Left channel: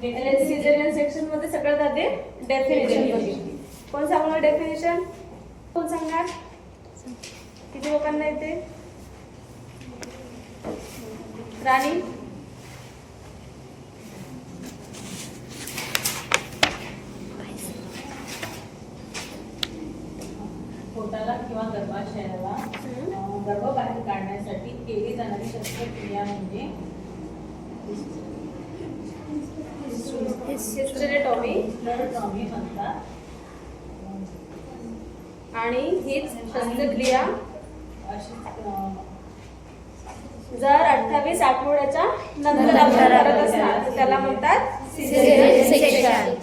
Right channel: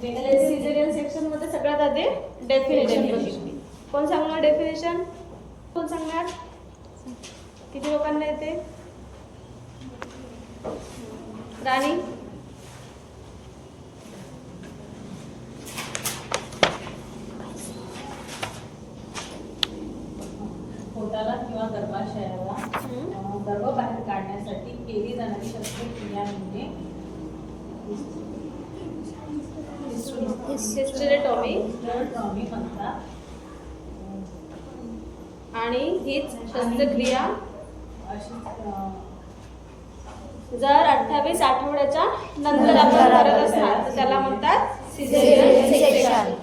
Caesarean section मध्ये सगळ्यात आधी डेफिनेशन बघितली. कोण सांगणार डेफिनेशन? कोण सांगणार? किती लोकांना येते? राणी पोटाला किंवा गर्भाशयाला गर्भ बाहेर काढण्यासाठी केली जाणारी शस्त्रक्रिया म्हणजे हिस्टेरेटॉमी म्हणतात. आणि हीच शस्त्रक्रिया अशी जर 28 आठवड्याच्या नंतर आपण करत असणार तर त्याला म्हणतात सिझेरियन सेक्शन.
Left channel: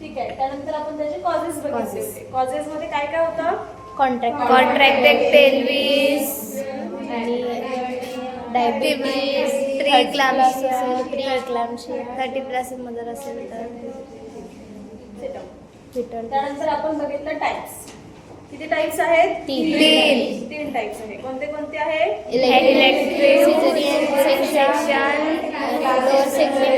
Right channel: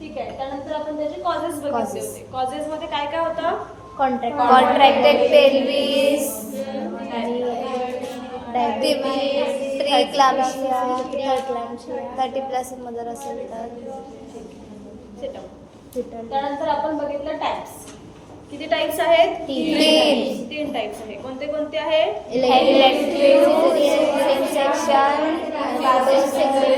ठीक आहे. त्यानंतर आपण त्याचे कॉजेस बघितले होते. कॉजेस मध्ये काय काय होतं? कॉन्ट्रॅक्टेड पेल्विस आणि डायबिटीज, प्रीक्लॅम्सिया, 30+ मदर असेल तर. त्यानंतर आपण बघितलं टाइप्स. किती टाइप्स आहेत? 3 टाइप्स आहेत. कोणते कोणते आहेत? Elective caesarean section,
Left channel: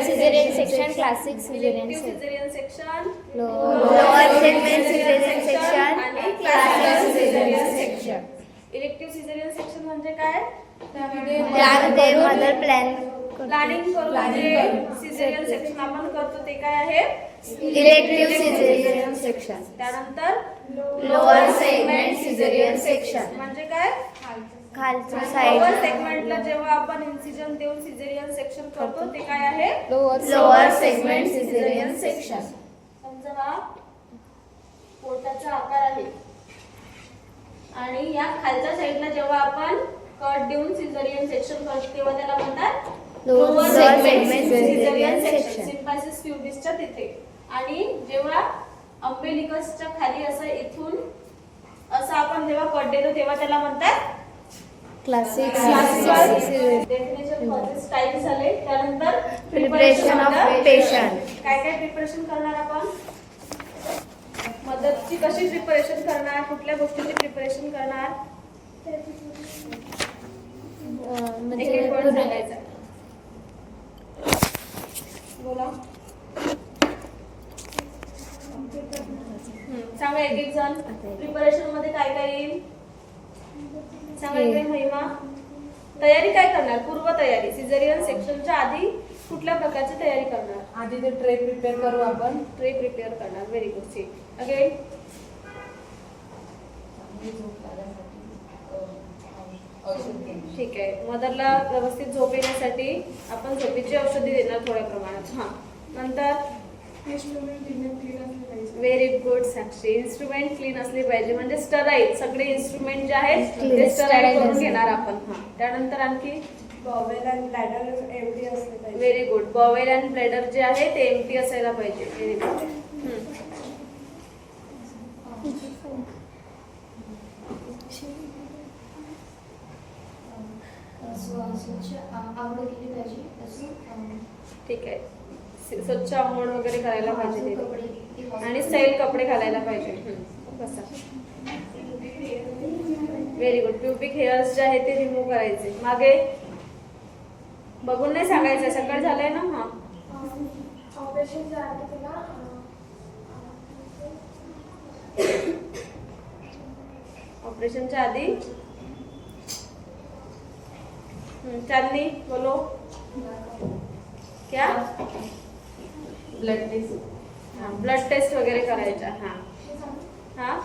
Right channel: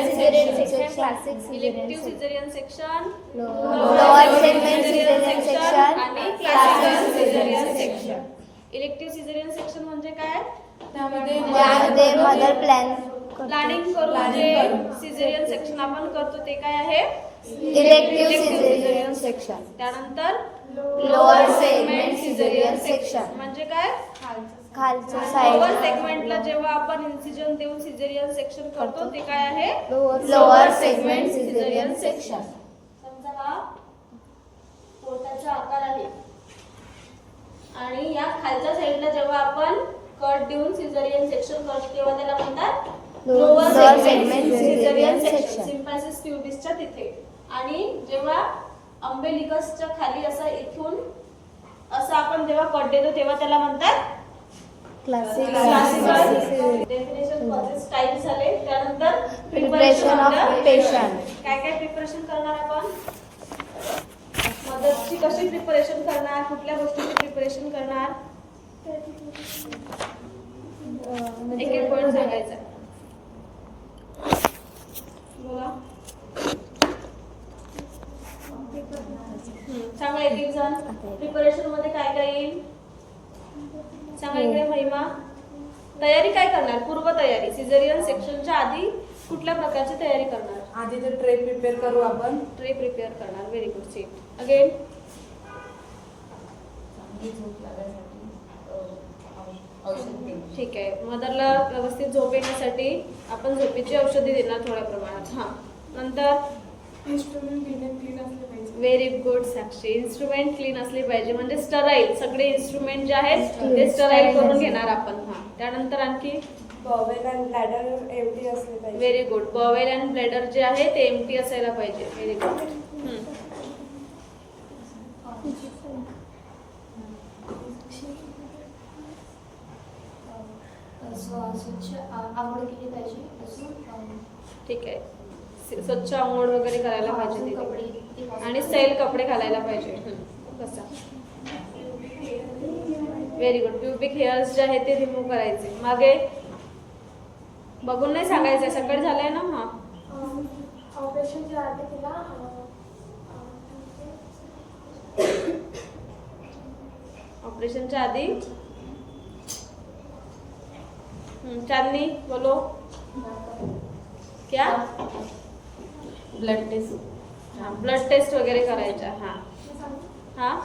caesarean section, classic elective caesarean caesarean section, lower segment caesarean section आणि classic caesarean section. Elective caesarean section म्हणजे काय? त्यामध्ये मदर प्लॅनिंग करून जे सिझेरियन सेक्शन आपण करतो ते काय आहे? Elective caesarean section. त्यानंतर लोअर सेगमेंट सिझेरियन सेक्शन म्हणजे काय? खालच्या लोअर साईड. सेगमेंटला जेव्हा आपण इन्सिजन देऊन सिझेरियन सेक्शन करतो ते काय आहे? Lower segment caesarean section. समजा हा पोटाचा आकार आहे आणि या खालच्या साईडला जेव्हा आपण कट देऊन सिझेरियन सेक्शन करतो तेव्हा त्याला म्हणतात लोअर सेगमेंट सिझेरियन सेक्शन. सिम्फायसिस प्युबिसच्या तिथे. आणि जेव्हा अंबेलिकसच्या खाली असा इथून असं आपण जेव्हा कट देतो तेव्हा त्याला म्हणतात क्लासिक डेफिनेशन कॉजेस टाइप झाले. त्यानंतर प्रिपरेशन ऑफ पेशंट. काय काय प्रिपरेशन करणार आपण? मदतची कशी प्रिपरेशन करणार? कुठल्या गोष्टीची प्रिपरेशन करणार? एक point सांगायचा. बोला. सांगा एक एक जण. प्रिपरेशन मध्ये काय काय येईल? सांगा इकडे महिमा. तयारी काय करणार? पूर्व तयारी. सिझेरियन सेक्शनच्या आधी कुठल्या प्रकारची तयारी करणार? आधी तर ट्रे प्रिपेअर करू आपण. ट्रे प्रिपेअर करणार. Very good. See again. ठीक आहे. मदरला व्यवस्थित झोप येण्यासाठी आपण झोपेची औषधी देणार थोड्या प्रमाणात. हा. नंतर व्हेरी गुड साक्षी. इन्स्ट्रुमेंट क्लीन असले पाहिजे म्हणजे स्टराईल. सगळे इन्स्ट्रुमेंट जे आहेत ते स्टराईल करून घेणार आपण. हा. त्यानंतर आणखी बॉवेल अँड ब्लॅडर एम्प्टी असले पाहिजे. Very good. Bowel and bladder जे आहे ते एम्प्टी असायला पाहिजे. Very good. ठीक आहे. स्वच्छ आंघोळ वगैरे करायला पाहिजे तिथे. आणि सैल कपडे घालायला पाहिजे. बसा. Very good. प्युबिक हेअर्स जे आहे ते रिमूव्ह करायचे. मागे बघून नाही सांगायचं. सकाळी झालंय ना. हा. ऑपरेशनच्या आधी चांदनी बोलो. क्या? Blood test. हाँ ब्लड टेस्ट वगैरे करायचा. हाँ हाँ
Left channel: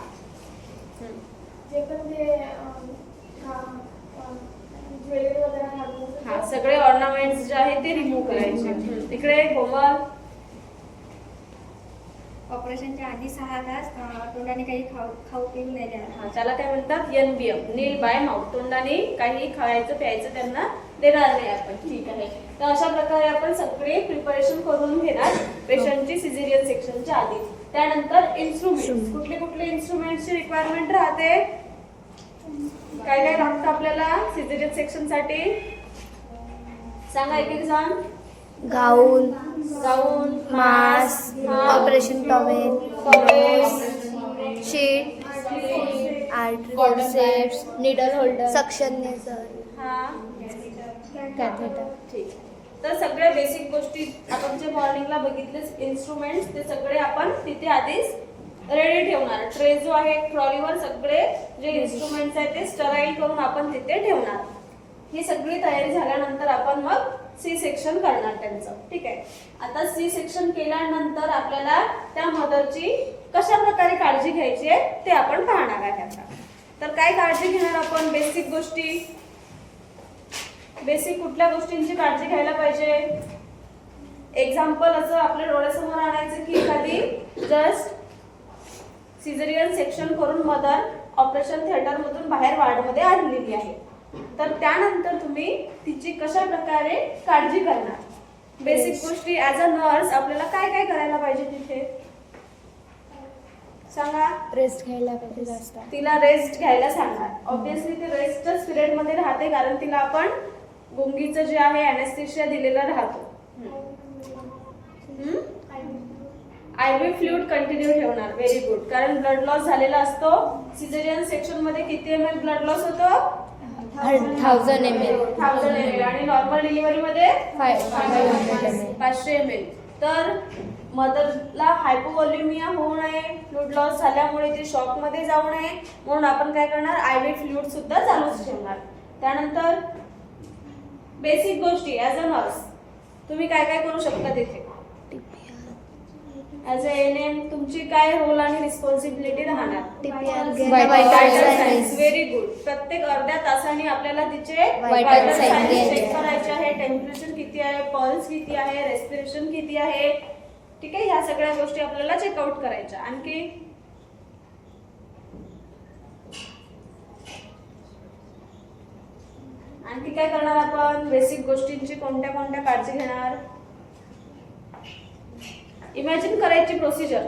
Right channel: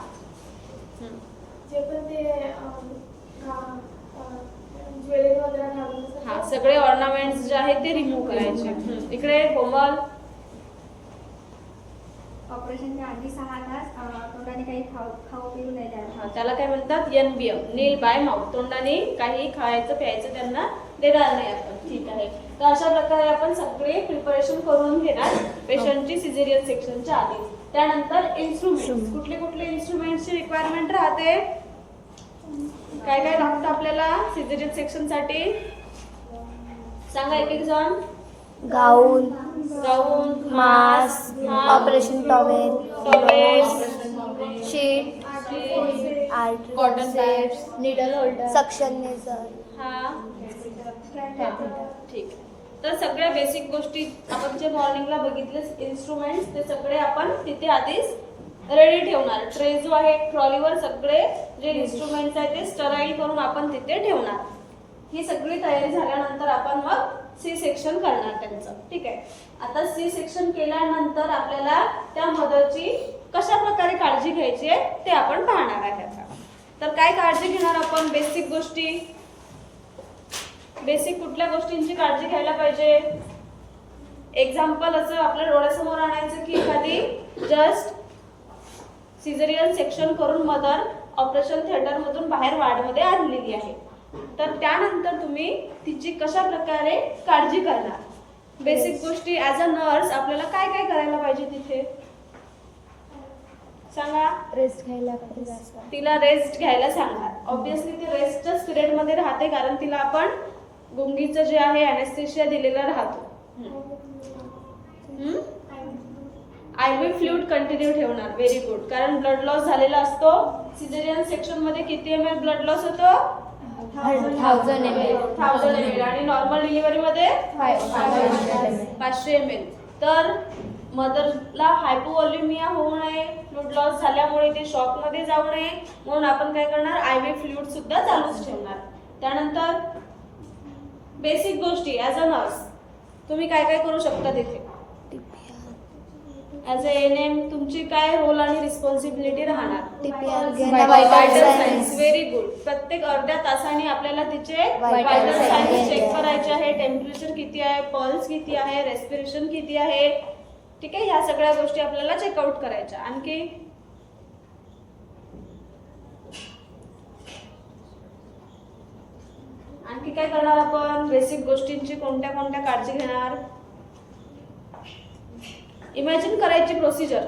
हाँ सगळे ऑर्नामेंट्स जे आहेत ते रिमूव्ह करायचे. इकडे कोमल. ऑपरेशनच्या आधी 6 तास तोंडाने काही खाऊ पिऊ नाही द्यायला. हा त्याला काय म्हणतात? NBM. Nil by mouth. तोंडाने काही खायचं प्यायचं त्यांना देणार नाही आपण. ठीक आहे. तर अशा प्रकारे आपण सगळे प्रिपरेशन करून घेणार पेशंटची सिझेरियन सेक्शनच्या आधी. त्यानंतर इन्स्ट्रुमेंट. कुठले कुठले इन्स्ट्रुमेंट्सची रिक्वायरमेंट राहते? काय काय लागतं आपल्याला सिझेरियन सेक्शनसाठी? सांगा एक एक जण. Gown, mask, operation towel, sheet, needle holder, suction nasal, हा कॅथेटर. ठीक. तर सगळ्या बेसिक गोष्टी आपण जे मॉर्निंगला बघितले इन्स्ट्रुमेंट्स ते सगळे आपण तिथे आधीच रेडी ठेवणार. ट्रे जो आहे ट्रॉलीवर सगळे जे इन्स्ट्रुमेंट्स आहेत ते स्टराईल करून आपण तिथे ठेवणार. ही सगळी तयारी झाल्यानंतर आपण मग सी सेक्शन करणार त्यांचं. ठीक आहे. आता सी सेक्शन केल्यानंतर आपल्याला त्या मदरची कशा प्रकारे काळजी घ्यायची आहे ते आपण पाहणार आहे आता. तर काय काळजी घेणार आपण? बेसिक गोष्टी. बेसिक कुठल्या गोष्टींची काळजी घ्यायला पाहिजे? एक्झाम्पल असं आपल्या डोळ्यासमोर आणायचं की एखादी जस्ट सिझेरियन सेक्शन करून मदर ऑपरेशन थिएटर मधून बाहेर वार्डमध्ये आणलेली आहे. तर त्यानंतर तुम्ही तिची कशा प्रकारे काळजी करणार? बेसिक गोष्टी ऍज अ नर्स आपल्याला काय काय करायला पाहिजे तिथे सांगा. रेस्ट घ्यायला पाहिजे जास्त. तिला रेस्ट घ्यायला सांगा. ऑब्विसली ती रेस्टच पिरियड मध्ये राहते कारण तिला आपण गुंगीचं जे आहे अॅनेस्थेशिया दिलेला राहतो. आयव्ही फ्लुइड कंटिन्यू ठेवणार. Very good. कारण ब्लड लॉस झालेला असतो. सिझेरियन सेक्शन मध्ये किती ml ब्लड लॉस होतो? 1000 ml. 1000 ml. आणि नॉर्मल डिलिव्हरी मध्ये 500 ml. तर मदरला हायपोव्हॉल्युमिया होऊ नये, फ्लुइड लॉस झाल्यामुळे ती शॉक मध्ये जाऊ नये म्हणून आपण काय करणार? आयव्ही फ्लुइड सुद्धा चालूच ठेवणार. त्यानंतर बेसिक गोष्टी ऍज अ नर्स तुम्ही काय काय करू शकता तिथे? ऍज अ एएनएम तुमची काय रोल आणि रिस्पॉन्सिबिलिटी राहणार? TPR घेणं, vital signs. Very good. प्रत्येक अर्ध्या तासाने आपल्याला तिचे Vital vital signs signs check घ्यायचे. करायचे आहे. टेम्परेचर किती आहे, पल्स किती आहे, रेस्पिरेशन किती आहे. ठीक आहे. ह्या सगळ्या गोष्टी आपल्याला चेकआउट करायच्या. आणखी काय करणार आपण? बेसिक गोष्टींची कोणत्या कोणत्या काळजी घेणार? इमॅजिन करायची प्रोसिजर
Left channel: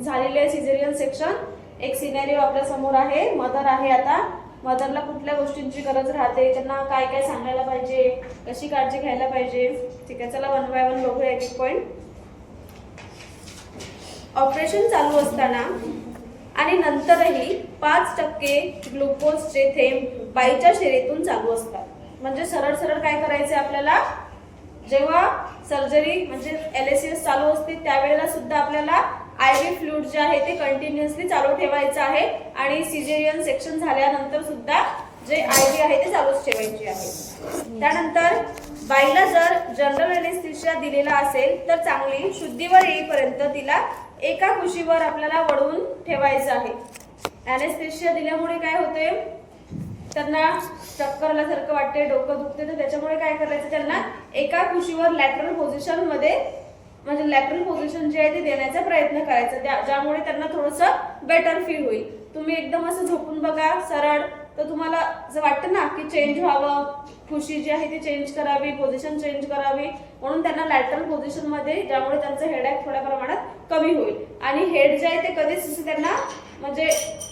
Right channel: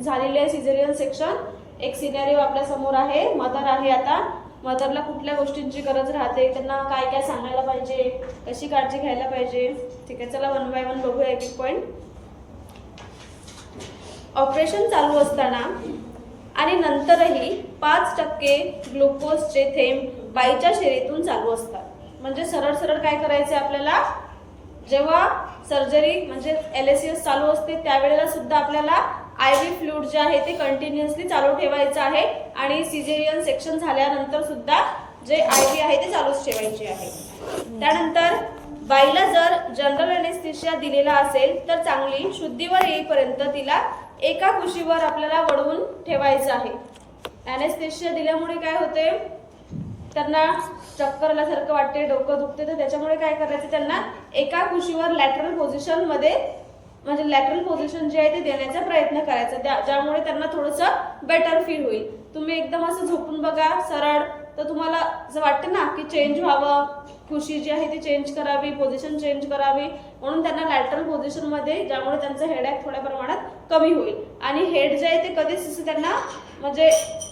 झालेली आहे. सिझेरियन सेक्शन एक सिनेरिओ आपल्या समोर आहे. मदर आहे. आता मदरला कुठल्या गोष्टींची गरज राहते, त्यांना काय काय सांगायला पाहिजे, कशी काळजी घ्यायला पाहिजे. ठीक आहे. चला 1 बाय 1 बघूया एक एक पॉईंट. ऑपरेशन चालू असताना आणि नंतरही 5% ग्लुकोजचे थेंब बाईच्या शरीरातून चालू असतात. म्हणजे सरळ सरळ काय करायचे आपल्याला? जेव्हा सर्जरी म्हणजे LACS चालू असते त्यावेळेला सुद्धा आपल्याला आयव्ही फ्लुइड जे आहे ते कंटिन्युअसली चालू ठेवायचं आहे. आणि सिझेरियन सेक्शन झाल्यानंतर सुद्धा जे आयव्ही आहे ते चालूच ठेवायचे आहे. त्यानंतर बाईला जर जनरल अॅनेस्थेशिया दिलेला असेल तर चांगली शुद्धीवर येईपर्यंत तिला एका कुशीवर आपल्याला वळवून ठेवायचं आहे. अॅनेस्थेशिया दिल्यामुळे काय होते? त्यांना चक्कर आल्यासारखं वाटते, डोकं दुखते. तर त्याच्यामुळे काय करायचं? त्यांना एका कुशीवर लॅटरल पोझिशन मध्ये म्हणजे लॅटरल पोझिशन जे आहे ते देण्याचा प्रयत्न करायचा, ज्यामुळे त्यांना थोडंसं बेटर फील होईल. तुम्ही एकदम असं झोपून बघा सरळ तर तुम्हाला असं वाटतं ना की चेंज व्हावं, खुशी जी आहे ती चेंज करावी, पोझिशन चेंज करावी. म्हणून त्यांना लॅटरल पोझिशन मध्ये, ज्यामुळे त्यांचं हेडॅक थोड्या प्रमाणात कमी होईल. आणि हेड जे आहे ते कधीच त्यांना म्हणजे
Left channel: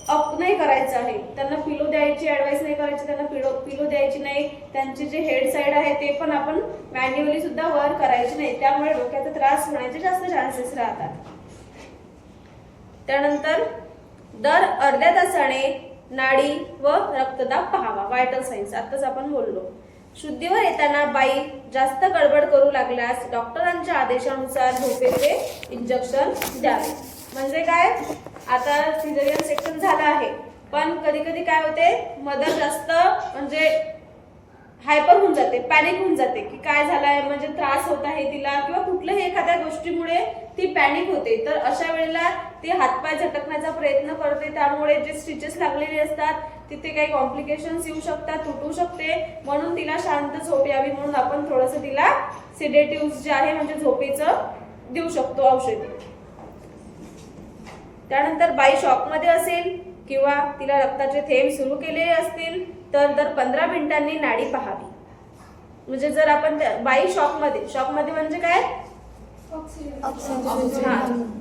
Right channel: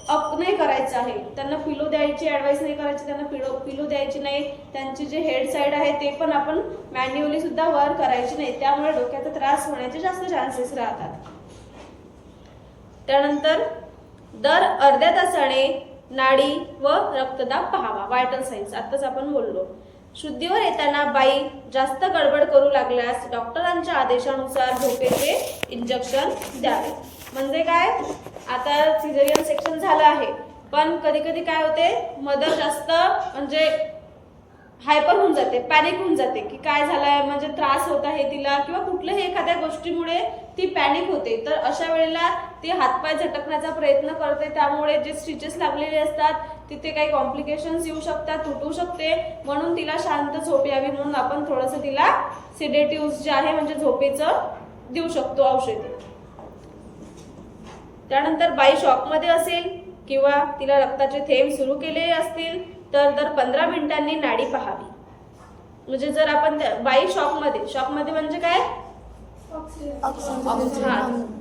अप नाही करायचं आहे. त्यांना पिलो द्यायची ऍडवाइस नाही करायची, त्यांना पिलो द्यायची नाही. त्यांची जे हेड साइड आहे ते पण आपण मॅन्युअली सुद्धा वर करायची नाही. त्यामुळे डोक्याचा त्रास होण्याचे जास्त चान्सेस राहतात. त्यानंतर दर अर्ध्या तासाने नाडी व रक्तदाब पाहावा. व्हायटल सायन्स आताच आपण बोललो. शुद्धीवर येताना बाई जास्त गडबड करू लागल्यास डॉक्टरांच्या आदेशानुसार झोपेचे इंजेक्शन द्यावे. म्हणजे काय? आता सिझेरियन सेक्शन झालं आहे पण कधी कधी काय होते? मदर जास्त म्हणजे हायपर होऊन जाते, पॅनिक होऊन जाते की काय झालंय, म्हणजे त्रास होत आहे तिला किंवा कुठल्याही एखाद्या गोष्टीमुळे ती पॅनिक होते. तर अशा वेळेला ती हातपाय झटकण्याचा प्रयत्न करते. त्यामुळे जे स्टिचेस लागलेले असतात तिथे काही कॉम्प्लिकेशन्स येऊ शकतात, तुटू शकते. म्हणून तिला शांत झोप यावी म्हणून आपण थोडंसं तिला सिडेटिव्ह जे आहे म्हणजे झोपेचं देऊ शकतो औषधी. त्यानंतर बाई शॉकमध्ये असेल किंवा तिला रक्ताचे थेंब सुरू केलेले असतील तर दर 15 मिनिटांनी नाडी पाहावी. म्हणजे जर आपण बाई शॉकमध्ये म्हणजे काय?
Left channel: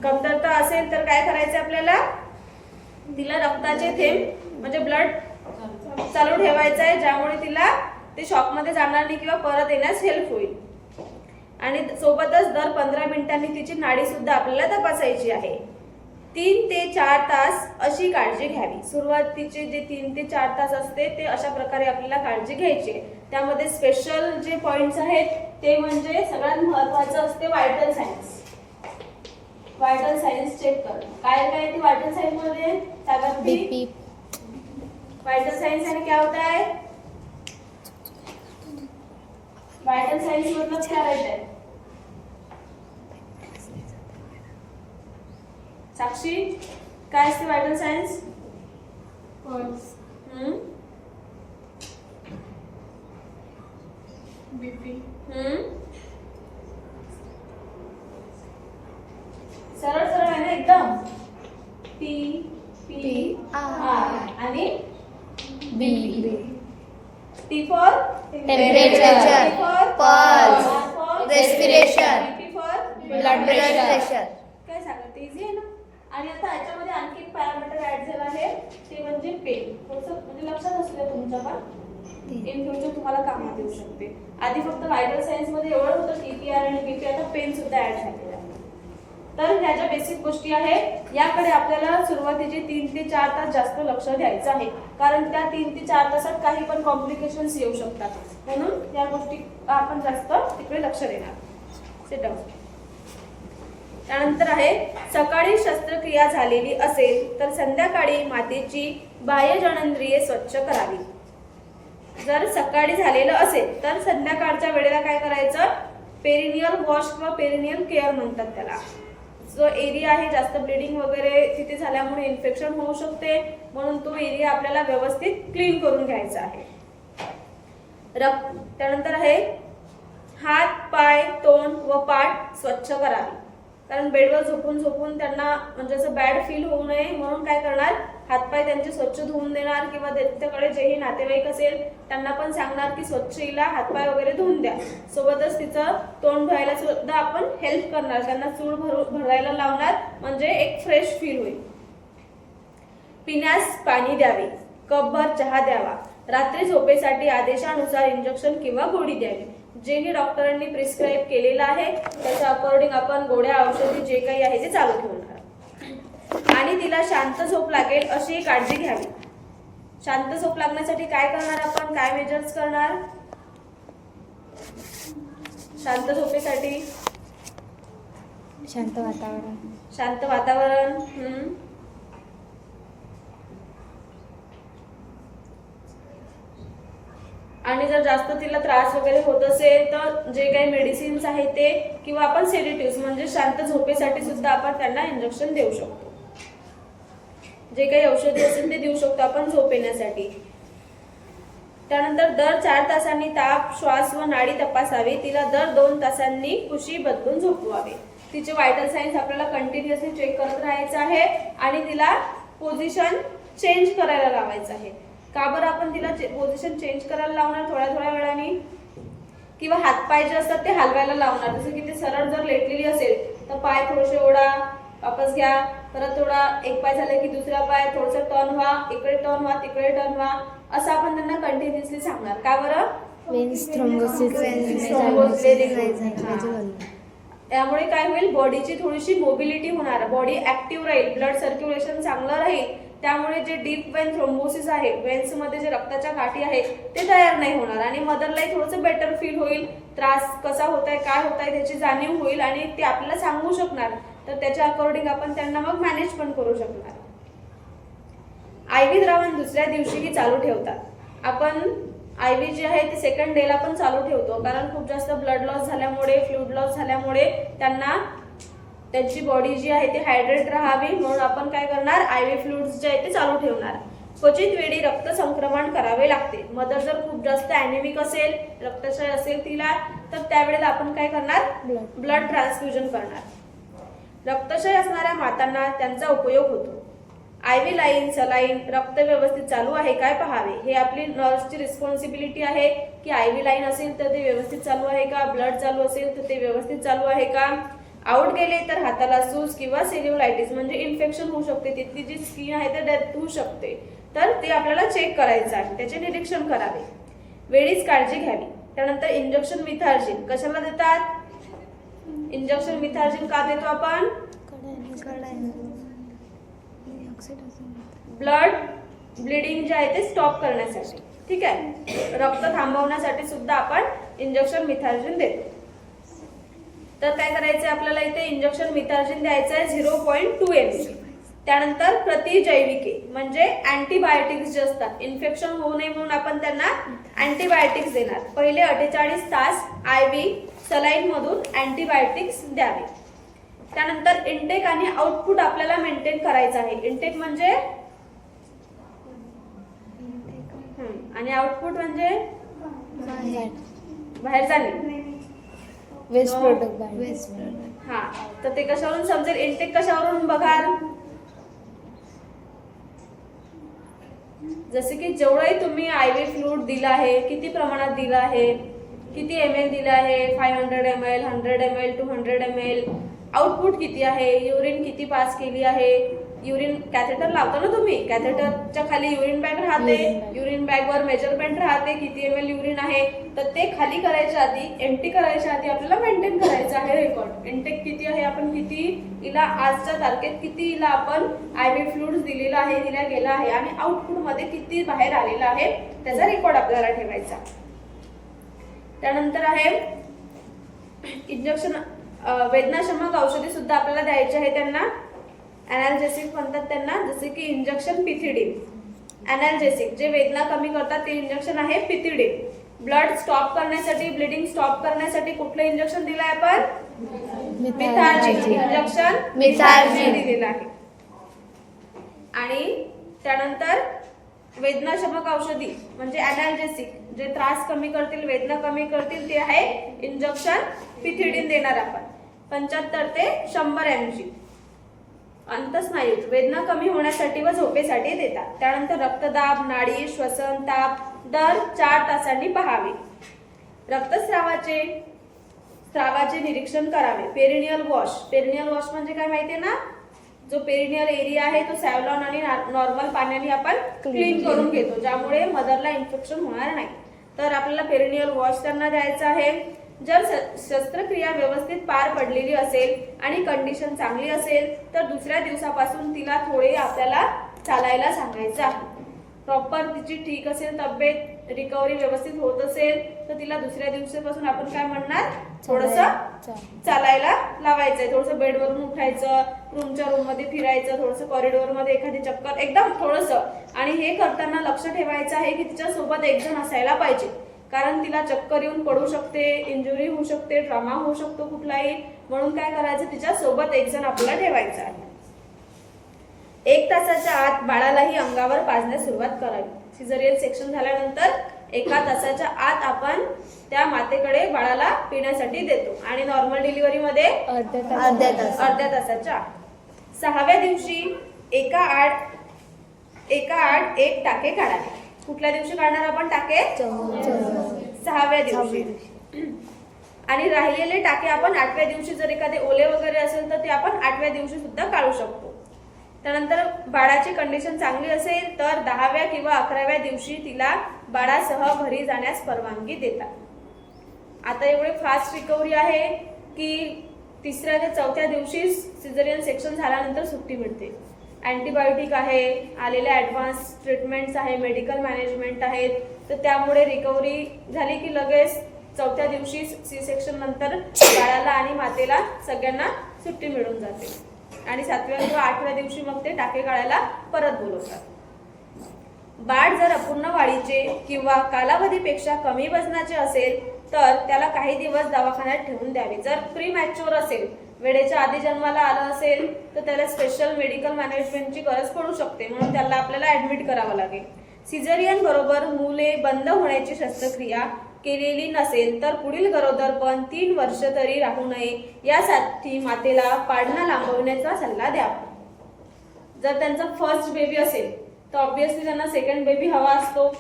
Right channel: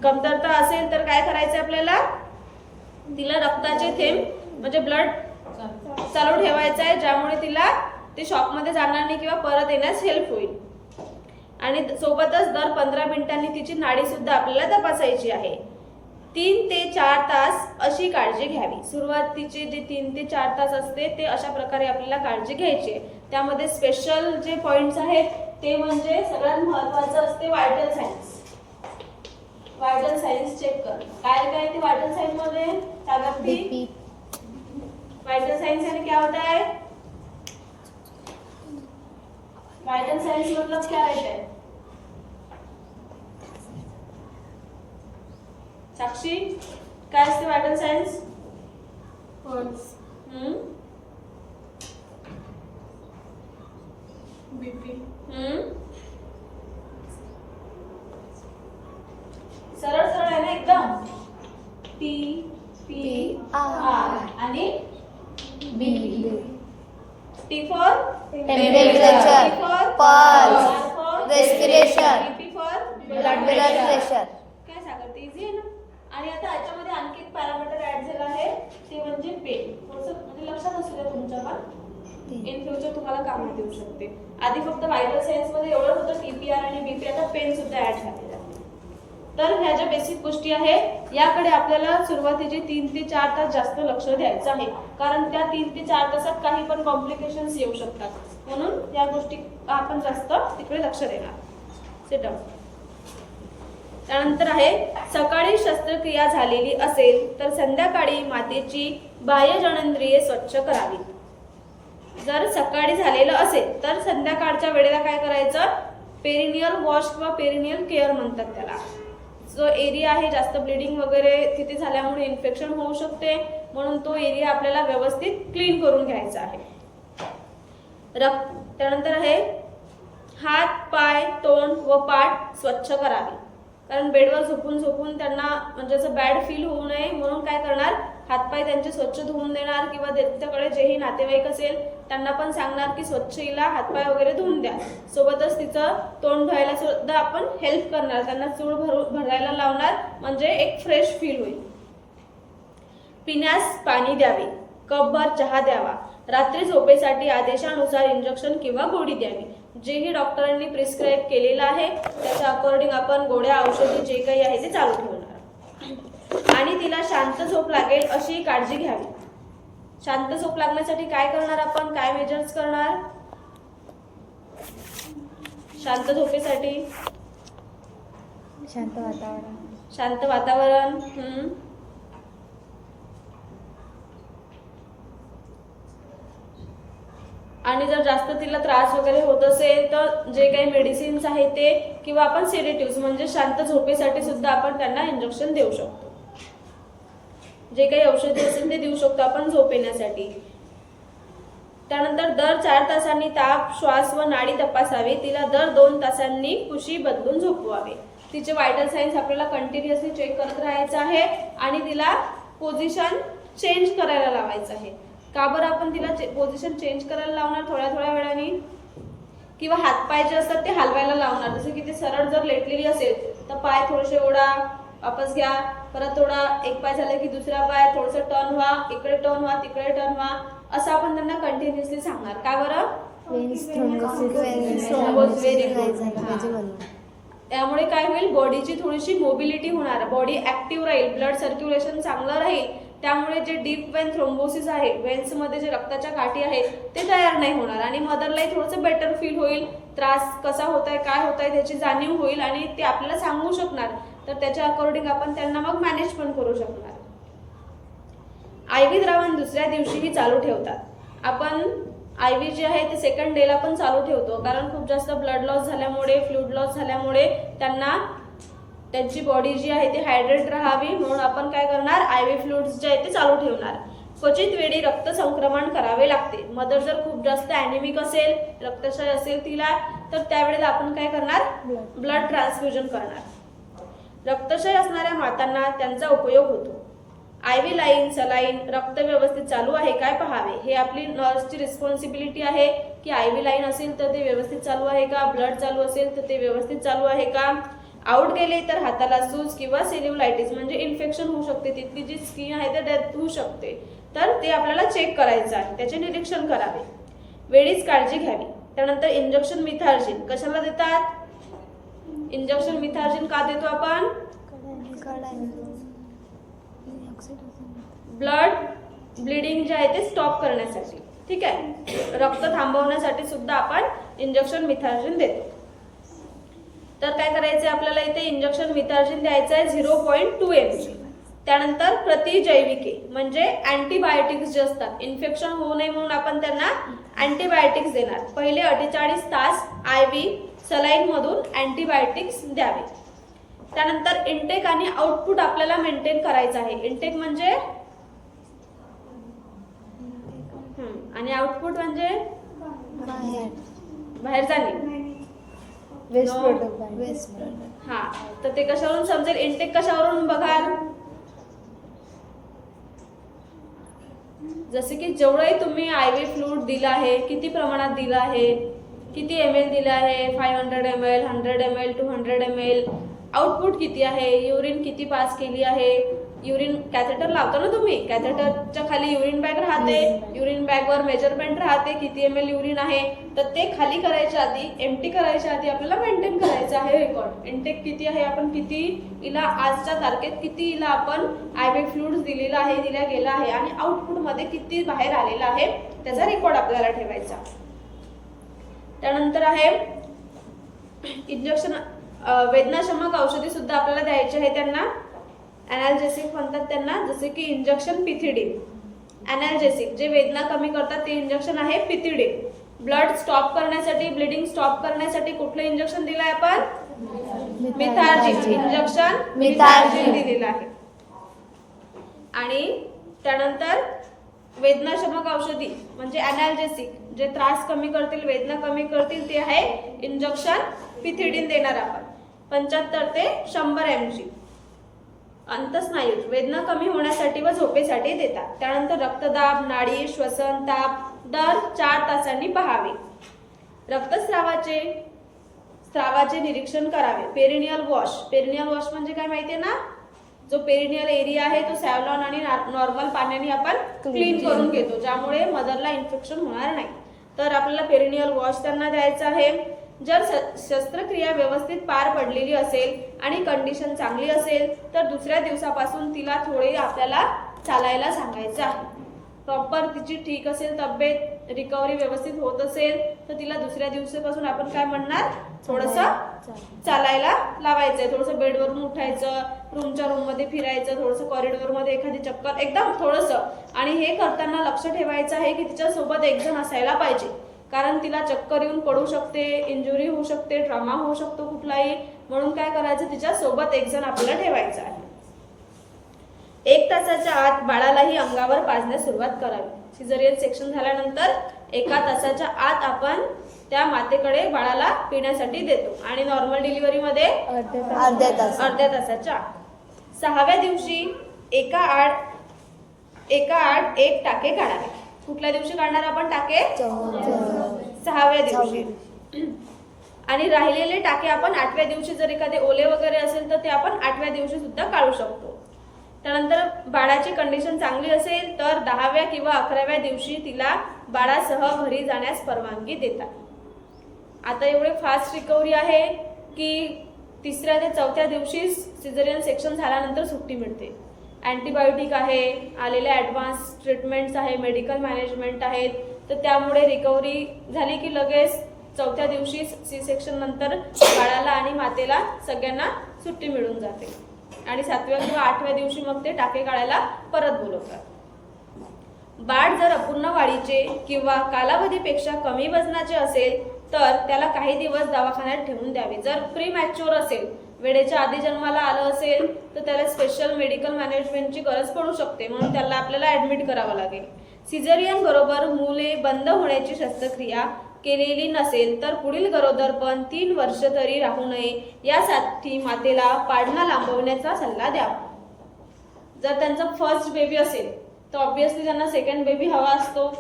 कमतरता असेल तर काय करायचं आपल्याला? तिला रक्ताचे थेंब म्हणजे ब्लड चालू ठेवायचं आहे, ज्यामुळे तिला ते शॉकमध्ये जाणार नाही किंवा परत येण्यास हेल्प होईल. आणि सोबतच दर 15 मिनिटांनी तिची नाडी सुद्धा आपल्याला तपासायची आहे. 3 ते 4 तास अशी काळजी घ्यावी. सुरुवातीची जे 3 ते 4 तास असते ते अशा प्रकारे आपल्याला काळजी घ्यायची. त्यामध्ये स्पेशल जे पॉइंट्स आहेत ते म्हणजे सगळ्यात महत्त्वाचं असते vital signs. Vital signs check कर. काय काय ते व्हायटल सायन्स मध्ये सांगत बीपी. वाइटल साइंस यानी क्या होता है? वाइटल साइंस मतलब क्या रहता है? साक्षी काय असते वाइटल साइंस? बीपी. सरळ सरळ आहे ना एकदम. T P P, R. R आणि B. T for Temperature, pulse, respiration, P for blood pressure. काय सांगत इझी आहे ना. आणि आता याच्यामध्ये आणखी एक पॅरामीटर ऍड झाला आहे ते म्हणजे पेन. थोडंसं म्हणजे लक्षात असू द्या तुमच्या पण इन फ्युचर तुम्हाला कामात येऊ शकते. आधी फक्त व्हायटल सायन्स मध्ये एवढं होतं टीपीआर आणि बीपी, आता पेन सुद्धा ऍड झालेला आहे. तर ह्या ज्या बेसिक गोष्टी आहेत याकडे आपल्याला सुरुवातीचे 3 ते 4 तास जास्त लक्ष द्यायचं आहे, कारण त्या 3 ते 4 तासात काही पण कॉम्प्लिकेशन्स येऊ शकतात. म्हणून या गोष्टी आपण जास्त तिकडे लक्ष देणार. Sit down. त्यानंतर आहे सकाळी शस्त्रक्रिया झालेली असेल तर संध्याकाळी मातेची बाह्य जननेंद्रिये स्वच्छ करावी. जर सकाळी झालेलं असेल तर संध्याकाळच्या वेळेला काय करायचं? पेरिनियल वॉश व पेरिनियल केअर म्हणतात त्याला. जो एरिया आहे जास्त ब्लिडिंग वगैरे तिथे झाल्यामुळे इन्फेक्शन होऊ शकते, म्हणून तो एरिया आपल्याला व्यवस्थित क्लीन करून घ्यायचा आहे. त्यानंतर आहे हात, पाय, तोंड व पाठ स्वच्छ करावी. कारण बेडवर झोपून झोपून त्यांना म्हणजे असं बॅड फील होऊ नये म्हणून काय करणार? हातपाय त्यांचे स्वच्छ धुवून देणार किंवा त्यांच्याकडे जेही नातेवाईक असेल त्यांना पण सांगणार की स्वच्छ हिला हातपाय वगैरे धुवून द्या. सोबतच तिचं तोंड धुवायला सुद्धा आपण हेल्प करणार, त्यांना चूळ भरायला लावणार, म्हणजे एक फ्रेश फील होईल. पिण्यास पाणी द्यावे, कपभर चहा द्यावा. रात्री झोपेसाठी आदेशानुसार इंजेक्शन किंवा गोळी द्यावी. जेही डॉक्टरांनी प्रिस्क्राईब केलेलं आहे त्याच्या अकॉर्डिंग आपण गोळ्या औषधी जे काही आहे ते चालू ठेवणार. आणि तिला शांत झोप लागेल अशी काळजी घ्यावी. शांत झोप लागण्यासाठी काय करणार आपण? काय मेजर्स करणार शांत झोपेसाठी? शांत वातावरण. शांत वातावरण. आणि जर जास्त तिला त्रास वगैरे होत असेल तर जे काही मेडिसिन्स आहेत ते किंवा आपण सेडेटिव्ह म्हणजे शांत झोपेसाठी सुद्धा आपण त्यांना इंजेक्शन देऊ शकतो. जे काही औषधी असेल ते देऊ शकतो आपण झोप येण्यासाठी. त्यानंतर दर 4 तासांनी ताप, श्वास व नाडी तपासावी. तिला दर 2 तासांनी कुशी बदलून झोपवावे. तिचे व्हायटल सायन्स आपल्याला कंटिन्युअसली चेक करत राहायचं आहे आणि तिला पोझिशन चेंज करायला लावायचं आहे. का बरं आपण तिला पोझिशन चेंज करायला लावणार? थोड्या थोड्या वेळाने किंवा हातपाय जे असतात ते हलवायला लावणार. जसं की ते सरळ जर लेटलेली असेल तर पाय थोडेसे ओढा, वापस घ्या, परत थोडा एक पाय झाला की दुसरा पाय थोडंसं टर्न व्हा, इकडे टर्न व्हा, तिकडे टर्न व्हा, असं आपण त्यांना कंटिन्युअसली सांगणार. का बरं? वेन्स थ्रोम्बोसिस नाही झालं पाहिजे म्हणून. त्यामुळे काय होईल? बॉडीची थोडीशी मोबिलिटी होणार, बॉडी ऍक्टिव्ह राहील, ब्लड सर्क्युलेशन चांगलं राहील. त्यामुळे जे डीप वेन थ्रोम्बोसिस आहे, वेन्स मध्ये जे रक्ताच्या गाठी आहेत ते तयार नाही होणार आणि मदरलाही थोडंसं बेटर फील होईल. त्रास कसा होत आहे, काय होत आहे त्याची जाणीव होईल आणि ते आपल्याला सांगू शकणार. तर त्याच्या अकॉर्डिंग आपण त्यांना मग मॅनेज पण करू शकणार. आयव्ही द्रावण दुसऱ्या दिवशीही चालू ठेवतात. आपण आयव्ही जे आहे ते सेकंड डेला पण चालू ठेवतो, कारण खूप जास्त ब्लड लॉस झाल्यामुळे, फ्लूइड लॉस झाल्यामुळे त्यांना त्यांची बॉडी जी आहे ती हायड्रेट राहावी म्हणून आपण काय करणार? आयव्ही फ्लुइड्स जे आहे ते चालू ठेवणार. क्वचित वेळी रक्त संक्रमण करावे लागते. मदर जर खूप जास्त ॲनेमिक असेल, रक्तक्षय असेल तिला, तर त्यावेळेला आपण काय करणार? ब्लड ट्रान्सफ्युजन करणार. रक्तक्षय असणाऱ्या मातांना त्यांचा उपयोग होतो. आयव्ही लाईन, सलाईन, रक्त व्यवस्थित चालू आहे काय पाहावे. हे आपली नर्सची रिस्पॉन्सिबिलिटी आहे की आयव्ही लाईन असेल तर ते व्यवस्थित चालू आहे का, ब्लड चालू असेल तर ते व्यवस्थित चालू आहे का. आउट गेले तर हाताला सूज किंवा सेल्युलायटिस म्हणजे इन्फेक्शन होऊ शकते, तिथली जी स्किन आहे ते डेथ होऊ शकते. तर ते आपल्याला चेक करायचं आहे, त्याचे निरीक्षण करावे. वेळीच काळजी घ्यावी. त्यानंतर इंजेक्शन मिथार्जिन कशाला देतात? इंजेक्शन मिथार्जिन का देतो आपण? ब्लड ब्लिडिंग जे आहे ते स्टॉप करण्यासाठी. ठीक आहे. रक्त थांबवण्यासाठी सुद्धा आपण इंजेक्शन मिथार्जिन देतो. तर काय करायचं आपल्याला इथे इंजेक्शन मिथार्जिन द्यायचं आहे 0.2 ml. त्यानंतर प्रतिजैविके म्हणजे अँटीबायोटिक्स जे असतात, इन्फेक्शन होऊ नये म्हणून आपण त्यांना अँटीबायोटिक्स देणार. पहिले 48 तास IV सलाईन मधून अँटीबायोटिक्स द्यावे. त्यानंतर इनटेक आणि आउटपुट आपल्याला मेंटेन करायचं आहे. इनटेक म्हणजे आणि आउटपुट म्हणजे बाहेर जाणे, वेस्ट प्रोडक्ट. हा. तर ते कशावरून समजेल? इनटेक कशावरून बघाल? जसे की जेवढंही तुम्ही IV फ्लूइड दिला आहे, किती प्रमाणात दिला आहे, किती ml दिला आहे, 500 ml, 100 ml, 200 ml, आउटपुट किती आहे, युरिन किती पास केली आहे. युरिन कॅथेटर लावतो ना तुम्ही, कॅथेटरच्या खाली युरिन बॅग राहते, युरिन बॅगवर मेजरमेंट राहते किती ml युरिन आहे. तर ते खाली करायच्या आधी, एम्प्टी करायच्या आधी आपल्याला मेंटेन करायचं आहे रेकॉर्ड. इनटेक किती आहे, आपण किती हिला आजच्या तारखेत किती हिला आपण IV फ्लुइड्स दिलेला आहे, दिला गेला आहे आणि आउटपुट मध्ये किती बाहेर आलेला आहे त्याचा रेकॉर्ड आपल्याला ठेवायचा. त्यानंतर आहे इंजेक्शन, वेदनाशमक औषधी सुद्धा आपल्याला द्यायची आहे त्यांना. अनाल्जेसिक म्हणतात त्यांना, जसे की इंजेक्शन पिथिडिन. अनाल्जेसिक जे वेदना कमी करतात ते इंजेक्शन आहे पिथिडिन. ब्लड स्टॉप करण्यासाठी, ब्लिडिंग स्टॉप करण्यासाठी कुठलं इंजेक्शन दिलं आहे आपण? मिथार्जिन इंजेक्शन मिथार्जिन दिलेलं आहे. आणि त्यानंतर वेदनाशमक औषधी म्हणजे अनाल्जेसिक जे त्रास कमी करतील, वेदना कमी करतील ते आहे इंजेक्शन पिथिडिन देणार आपण 75 ते 100 mg. अंतस्नायूत वेदना कमी होण्यासाठी व झोपेसाठी देतात. त्यानंतर रक्तदाब, नाडी, श्वसन, ताप दर 4 तासांनी पाहावे. स्रावाचे निरीक्षण करावे. Perennial wash. पेरिनियल वॉश म्हणजे काय माहितीये ना? जो पेरिनियल एरिया आहे तो सॅव्हलॉन आणि नॉर्मल पाण्याने आपण क्लीन करून घेतो, ज्यामुळे मदरला इन्फेक्शन होणार नाही. तर आपल्याला पेरिनियल वॉश त्यांना द्यायचा आहे. जर शस्त्रक्रिया व्यवस्थित पार पडलेली असेल आणि कंडिशन चांगली असेल तर दुसऱ्या दिवसापासून तिला थोडे आपल्याला चालायला सांगायचं आहे. प्रॉपर तिची ठीक असेल, तब्येत रिकव्हरी व्यवस्थित होत असेल तर तिला दुसऱ्या दिवसापासून आपण काय म्हणणार? थोडंसं चालायला लावायचंय. थोडंसं बेडवरून उठायचं, रूमच्या रूम मध्ये फिरायचं, थोडंसं कॉरिडॉर मध्ये एखादी चक्कर, एकदम थोडंसं. आणि हे करताना लक्ष ठेवायचं आहे की तिच्या सोबत एक जण असायला पाहिजे, कारण तिला चक्कर येऊन पडू शकते, इंजुरी होऊ शकते, ट्रॉमा होऊ शकतो कुठलाही. म्हणून काय करायचं? तिच्या सोबत एक जण आपल्याला ठेवायचा आहे. 1 तासाच्या आत बाळालाही अंगावर पाजण्यास सुरुवात करावी. सिझेरियन सेक्शन झाल्यानंतर 1 तासाच्या आत आपण त्या मातेकडे बाळाला पिण्यासाठी देतो आणि नॉर्मल डिलिव्हरी मध्ये अर्ध्या तासाच्या 6व्या दिवशी एका आड एक टाके काढावे. कुठल्या दिवशी काढणार आपण टाके? 6व्या दिवशी. आणि राहिलेले टाके आपण 8व्या दिवशी, जर एखादे ओले वगैरे असेल तर ते आपण 8व्या दिवशी सुद्धा काढू शकतो. त्यानंतर बाळाची कंडिशन चांगली असेल तर 10व्या किंवा 11व्या दिवशी तिला बाळासह घरी जाण्यास परवानगी देतात. आता एवढे फास्ट रिकव्हरी आहे की 3ऱ्या ते 4थ्या दिवशी सिझेरियन सेक्शन झाल्यानंतर सुट्टी मिळते. अँटीबायोटिक आहे, आलेल्या ॲडव्हान्स ट्रीटमेंट्स आहे, मेडिकल मॅनेजमेंट आहेत. तर त्यामुळे रिकव्हरी झाली की लगेच 4थ्या दिवशी C-सेक्शन नंतर बाळाला आणि मातेला सगळ्यांना सुट्टी मिळून जाते. आणि 7व्या किंवा 8व्या दिवशी मग ते टाके काढायला परत बोलवतात. बाळ जर अपूर्ण वाढीचे किंवा कालावधीपेक्षा कमी वजनाचे असेल तर त्याला काही दिवस दवाखान्यात ठेवून द्यावे. जर प्रीमॅच्युअर असेल, वेळेच्या आधी जन्माला आलं असेल तर त्याला स्पेशल मेडिकल मॅनेजमेंटची गरज पडू शकते, म्हणून त्याला आपल्याला ऍडमिट करावं लागेल. सिझेरियन बरोबर मुले बंद होण्याची शस्त्रक्रिया केलेली नसेल तर पुढील गरोदरपण 3 वर्ष तरी राहू नये यासाठी मातेला पाळणा लांबवण्याचा सल्ला द्यावा. जर त्यांचा फर्स्ट बेबी असेल तर ऑब्व्हियसली त्यांना सेकंड बेबी हवा असतो.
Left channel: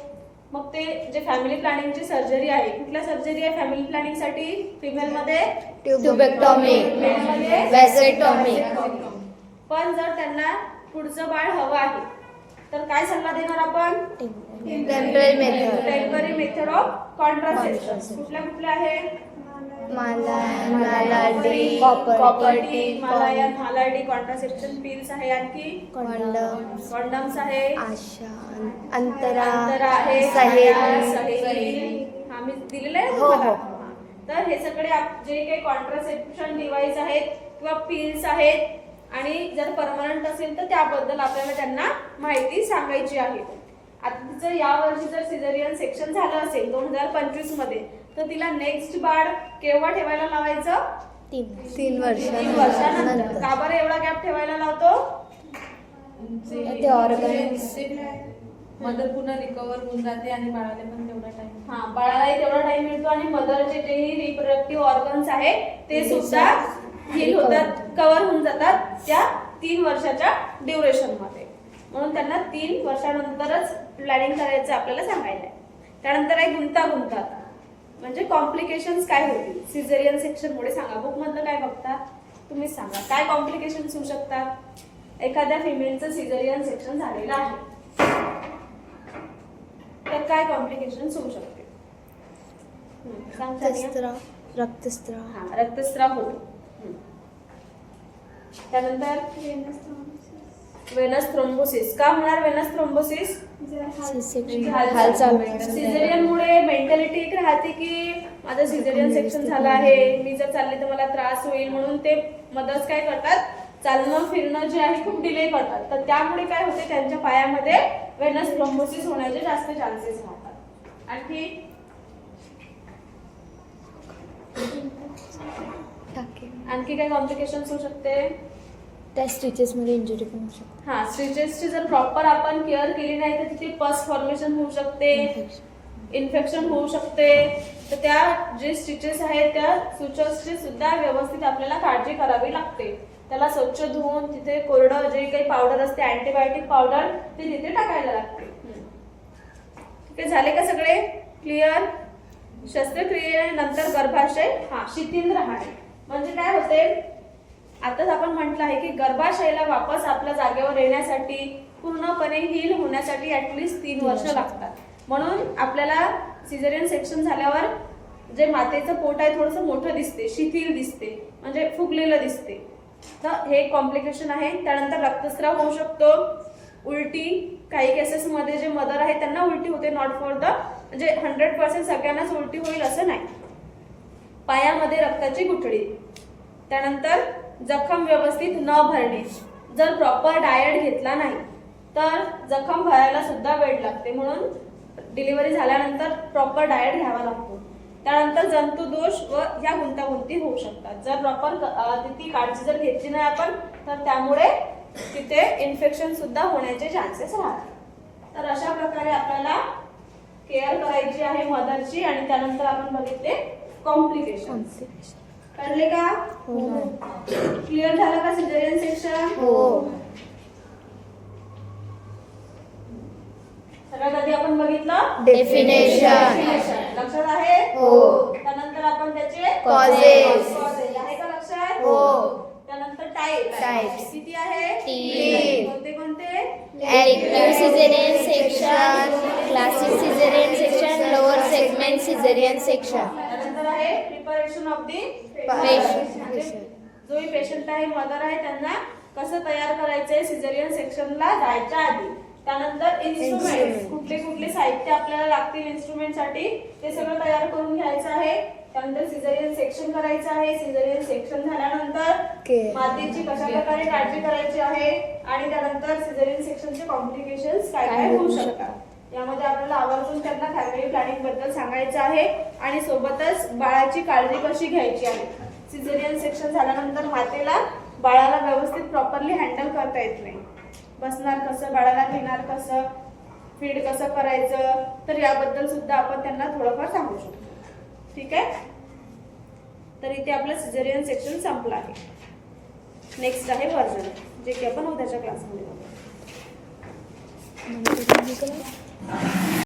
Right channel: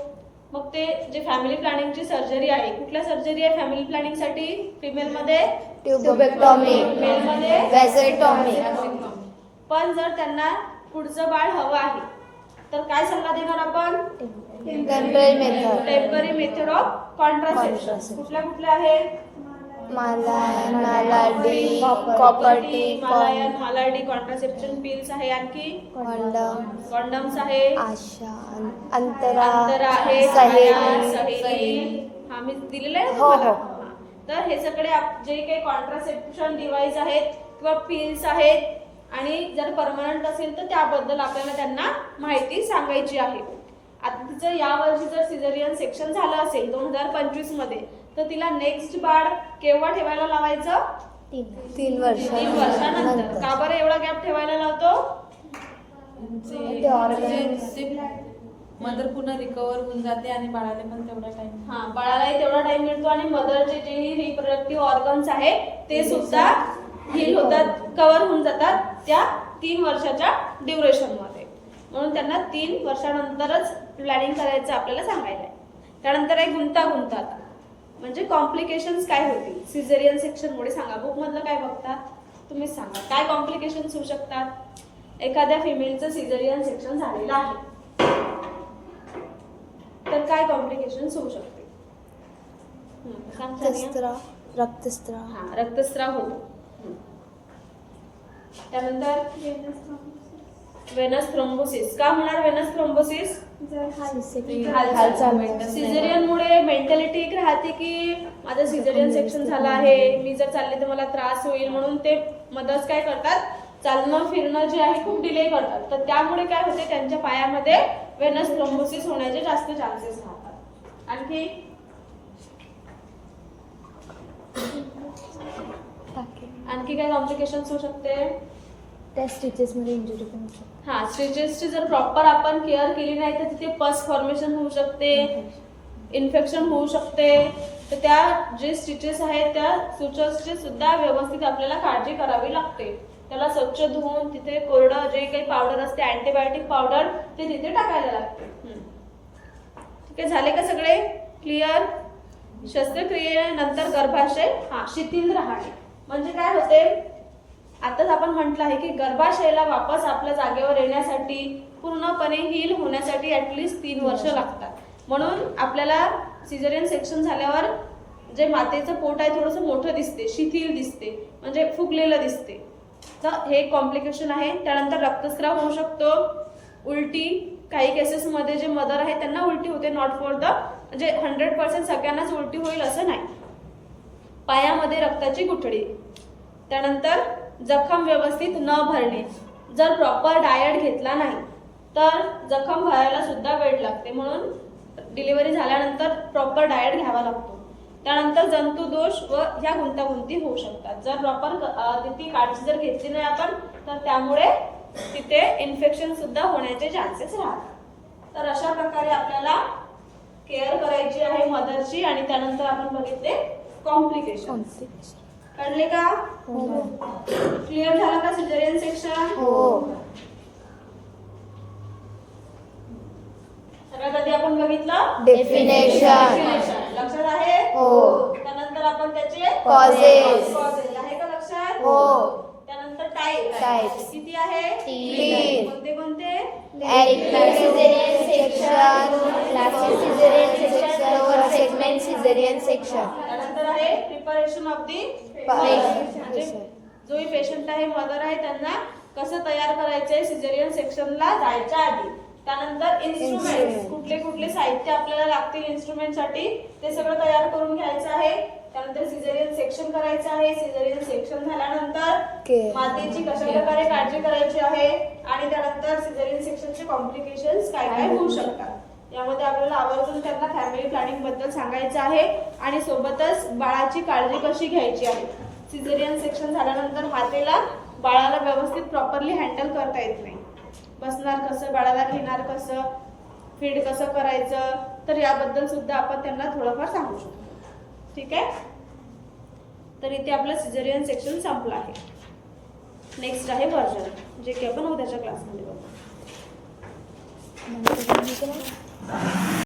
मग ते जे फॅमिली प्लॅनिंगची सर्जरी आहे, कुठल्या सर्जरी आहे फॅमिली प्लॅनिंग साठी? फिमेलमध्ये ट्युबेक्टॉमी, मेलमध्ये व्हॅसेक्टॉमी. पण जर त्यांना पुढचं बाळ हवं आहे तर काय सल्ला देणार आपण? Temporary method of contraception. कुठल्या आहे? मालाडी कॉपर्टी हिमालयन मालाडी कॉन्ट्रासेप्शन पिल्स आहे. आणखी कॉन्डम्स आहे. आशा अंतरा आहे. सहेली. सहेली हा मी दिलेलं आहे ना हो, तुम्हाला. हो. हा. तर हे सगळे जे काही कॉन्ट्रासेप्शन डिव्हाइस आहेत किंवा पिल्स आहेत आणि जर परमनंट असेल तर त्याबद्दल आपल्याला त्यांना माहिती सांगायची आहे. आता तिचं यावर्षी जर सिझेरियन सेक्शन झालं असेल 2025 मध्ये तर तिला नेक्स्ट बाळ केव्हा ठेवायला लावायचं? 3 वर्ष 3 वर्षानंतर. का बरं एवढा गॅप ठेवायला लावतो? मदर पुन्हा रिकवर होऊन जाते आणि बाळाने पण तेवढा टाइम. हा, बाळालाही तेवढा टाइम मिळतो आणि मदरचे जे रिप्रोडक्टिव्ह ऑर्गन्स आहे ते सुद्धा हील होतात, कव्हर होऊन जातात त्या 3 वर्षाच्या ड्युरेशन मध्ये. म्हणून त्यांना 3 वर्षानंतरच प्लॅनिंग करायचं आपल्याला सांगायला आहे. त्यानंतर आहे गुंतागुंतात म्हणजे कॉम्प्लिकेशन्स काय होतील सिझेरियन सेक्शन मुळे. सांगा, बुक मधलं काय बघता तुम्हीच सांगा, काय कॉम्प्लिकेशन्स होऊ शकतात? एखाद्या फिमेलचं सिझेरियन सेक्शन झालेलं आहे तर काय कॉम्प्लिकेशन्स होऊ शकते? सांग सानिया. रक्तस्राव हा, रक्तस्राव होतो. त्यानंतर वेनस थ्रोम्बोसिस. का होणार वेनस थ्रोम्बोसिस? हालचाल सिझेरियन मुळे मेंटॅलिटी एक राहते की माझं सिझेरियन सेक्शन झालं आहे, मी जर चालले तर मला त्रास होईल, म्हणून ते मदर्स काय करतात, चालणं फिरणं जे आहे खूप डिले करतात. तर त्यामुळे काय होते, त्यांच्या पायामध्ये वेनस थ्रोम्बोसिस होण्याचे जास्त चान्सेस राहतात. आणखी आणखी काय कॉम्प्लिकेशन्स होऊ शकते? त्या स्टिचेस मध्ये इंजुरी पण होऊ शकते. हा, स्टिचेसची जर प्रॉपर आपण केअर केली नाही तर तिथे पस फॉर्मेशन होऊ शकते, इन्फेक्शन होऊ शकते. तर त्या जे स्टिचेस आहेत त्या सुचर्सची सुद्धा व्यवस्थित आपल्याला काळजी करावी लागते. त्याला स्वच्छ धुवून तिथे कोरडं जे काही पावडर असते अँटीबायोटिक पावडर ते तिथे टाकायला लागते. ठीक आहे, झाले का सगळे क्लिअर? शस्त्रक्रियेनंतर गर्भाशय शिथिल राहणे म्हणजे काय होते, आताच आपण म्हटलं आहे की गर्भाशयाला वापस आपल्या जागेवर येण्यासाठी पूर्णपणे हील होण्यासाठी ऍटलीस्ट 3 वर्ष लागतात. म्हणून आपल्याला सिझेरियन सेक्शन झाल्यावर जे मातेचं पोट आहे थोडंसं मोठं दिसते, शिथिल दिसते, म्हणजे फुगलेलं दिसते. तर हे कॉम्प्लिकेशन आहे. त्यानंतर रक्तस्राव होऊ शकतो, उलटी. काही केसेसमध्ये जे मदर आहे त्यांना उलटी होते, नॉट फॉर द म्हणजे 100% सगळ्यांनाच उलटी होईल असं नाही. पायामध्ये रक्ताची गुठळी. त्यानंतर जखम व्यवस्थित न भरणे. जर प्रॉपर डाएट घेतला नाही तर जखम भरायला सुद्धा वेळ लागते. म्हणून डिलिव्हरी झाल्यानंतर प्रॉपर डाएट घ्यावा लागतो. त्यानंतर जंतुदोष व ह्या गुंतागुंती होऊ शकतात. जर प्रॉपर ती काळजी जर घेतली नाही आपण तर त्यामुळे तिथे इन्फेक्शन सुद्धा होण्याचे चान्सेस राहतात. तर अशा प्रकारे आपल्याला केअर करायची आहे मदरची. आणि त्यानंतर आपण बघितले कॉम्प्लिकेशन. कळले का? क्लिअर झालं का सिझेरियन सेक्शन? सगळ्यात आधी आपण बघितलं डेफिनेशन. लक्षात आहे? त्यानंतर आपण त्याचे कॉजेस आहे का लक्षात? त्यानंतर टाइप्स किती आहे? 3. कोणते कोणते? Active caesarean section, classic caesarean section, lower segment caesarean section. त्यानंतर आहे प्रिपरेशन ऑफ दी जो पेशंट आहे मदर आहे त्यांना कसं तयार करायचंय सिझेरियन सेक्शनला जायच्या आधी. त्यानंतर इन्स्ट्रुमेंट, कुठले कुठले साहित्य आपल्याला लागतील इन्स्ट्रुमेंट साठी ते सगळं तयार करून घ्यायचं आहे. त्यानंतर सिझेरियन सेक्शन करायचं आहे. सिझेरियन सेक्शन झाल्यानंतर मातेची कशा प्रकारे काळजी करायची आहे आणि त्यानंतर सिझेरियन सेक्शनचे कॉम्प्लिकेशन्स काय काय होऊ शकतात. यामध्ये आपल्याला आवर्जून त्यांना फॅमिली प्लॅनिंग बद्दल सांगायचं आहे आणि सोबतच बाळाची काळजी कशी घ्यायची आहे. सिझेरियन सेक्शन झाल्यानंतर मातेला बाळाला व्यवस्थित प्रॉपरली हँडल करता येत नाही. बसणार कसं, बाळाला घेणार कसं, फीड कसं करायचं, तर याबद्दल सुद्धा आपण त्यांना थोडंफार सांगू शकतो. ठीक आहे, तर इथे आपलं सिझेरियन सेक्शन संपलं आहे. नेक्स्ट आहे वर्जन, जे की आपण उद्याच्या क्लासमध्ये बघू.